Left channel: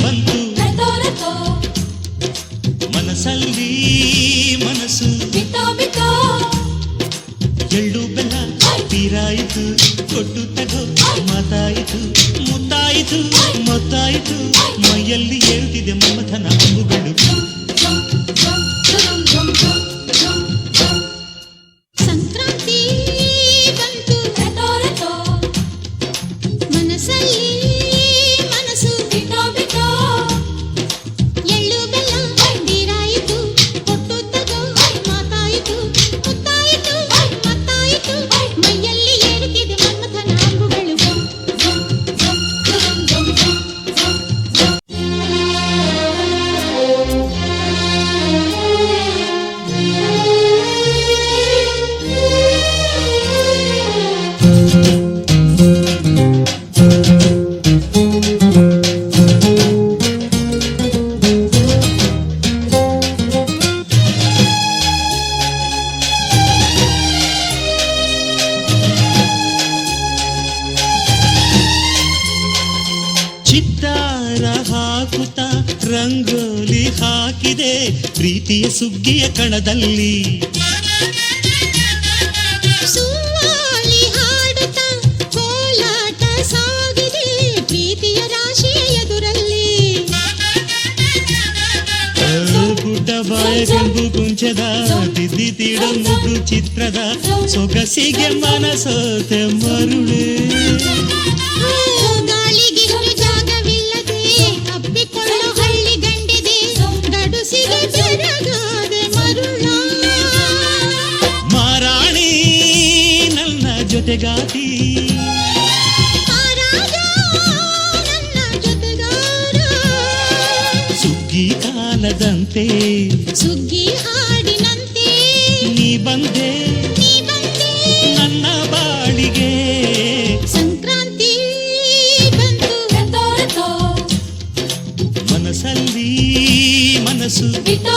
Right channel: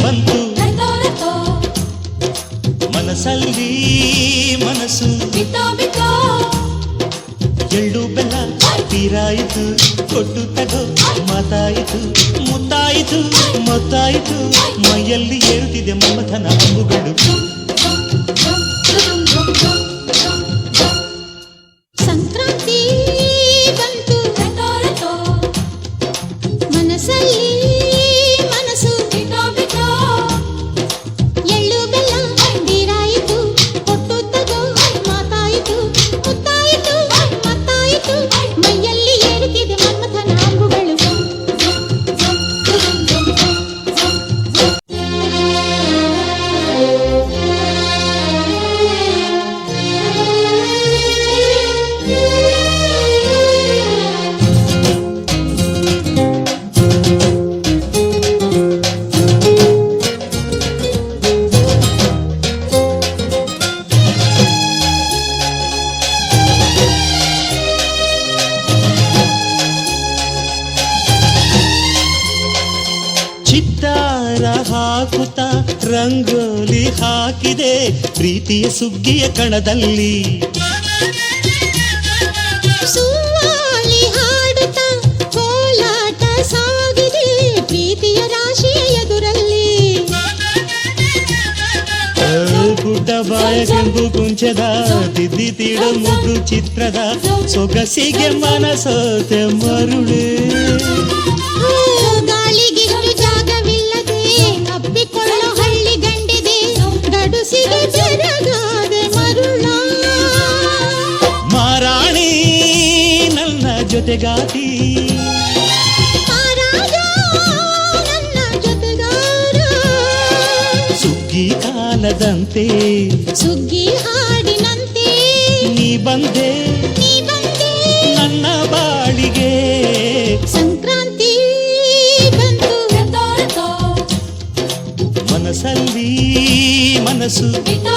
ಬಂತು ಮನಸ್ಸಲ್ಲಿ ಮನಸ್ಸು ಬಿತ್ತೋ ಬಿತ್ತೋ ಎಳ್ಳು ಬೆಲ್ಲ ತೀರಾಯಿತು ಕೊಟ್ಟು ತಗೋ ಮಾತಾಯಿತು ಮುತ್ತಾಯಿತು ಮದ್ದಾಯಿತು ಮೈಯಲ್ಲಿ ಏಳುತ್ತಿದೆ ಮಮಥನ ಹಬ್ಬುಗಳು ಸಂಕ್ರಾಂತಿ ಬಂತು ಮನಸ್ಸಲ್ಲಿ ಮನಸ್ಸು ಬಿತ್ತೋ ಬಿತ್ತೋ ಎಳ್ಳು ಬೆಲ್ಲ ತೀರಾಯಿತು ಕೊಟ್ಟು ತಗೋ ಮಾತಾಯಿತು ಮುತ್ತಾಯಿತು ಮತ್ತಾಯಿತು ಮೈಯಲ್ಲಿ ಏಳುತ್ತಿದೆ ಮನ್ಮಥನ ಹಬ್ಬುಗಳು ಚಿತ್ತಾರ ಹಾಕುತ್ತ ರಂಗೋಲಿ ಹಾಕಿದೆ ಪ್ರೀತಿಯ ಸುಗ್ಗಿಯ ಕಣದಲ್ಲಿ ಸುವಾಲಿ ಹಾಡುತ್ತ ಕೋಲಾಟ ಸಾಗಿದೆ ಪ್ರೀತಿಯ ರಾಶಿಯ ಎದುರಲ್ಲಿ ಪುಟ್ಟಬಾಯ ಕೆಂಪು ಕುಂಚದ ತಿದ್ದಿ ತೀಡು ಚಿತ್ರದ ಸೊಗಸಿಗೆ ಮನಸೋತೆ ಮರುಳು ಗಾಳಿಗಿಷ್ಟು ಜಾಗವಿಲ್ಲದೆ ಅಪ್ಪಿಕೊಳ್ಳೋ ಹಳ್ಳಿ ಗಂಡಿದೆ ಗಡುಸಿಗೆ ಜರಗಾದೆ ಮರುಳ ಮಾರಾಣಿ ನನ್ನ ಜೊತೆಗಾತಿ ಮಹಾರಾಜ ನನ್ನ ಜೊತೆಗಾರ ಸುಗ್ಗಿ ಕಾಲದಂತೆ ಸುಗ್ಗಿ ಹಾಡಿನಂತೆ ನೀ ಬಂದೆ ನನ್ನ ಬಾಳಿಗೆ ಸಂಕ್ರಾಂತಿ ಬಂತು ಮನಸ್ಸಲ್ಲಿ ಮನಸ್ಸು ಬಿತ್ತೋ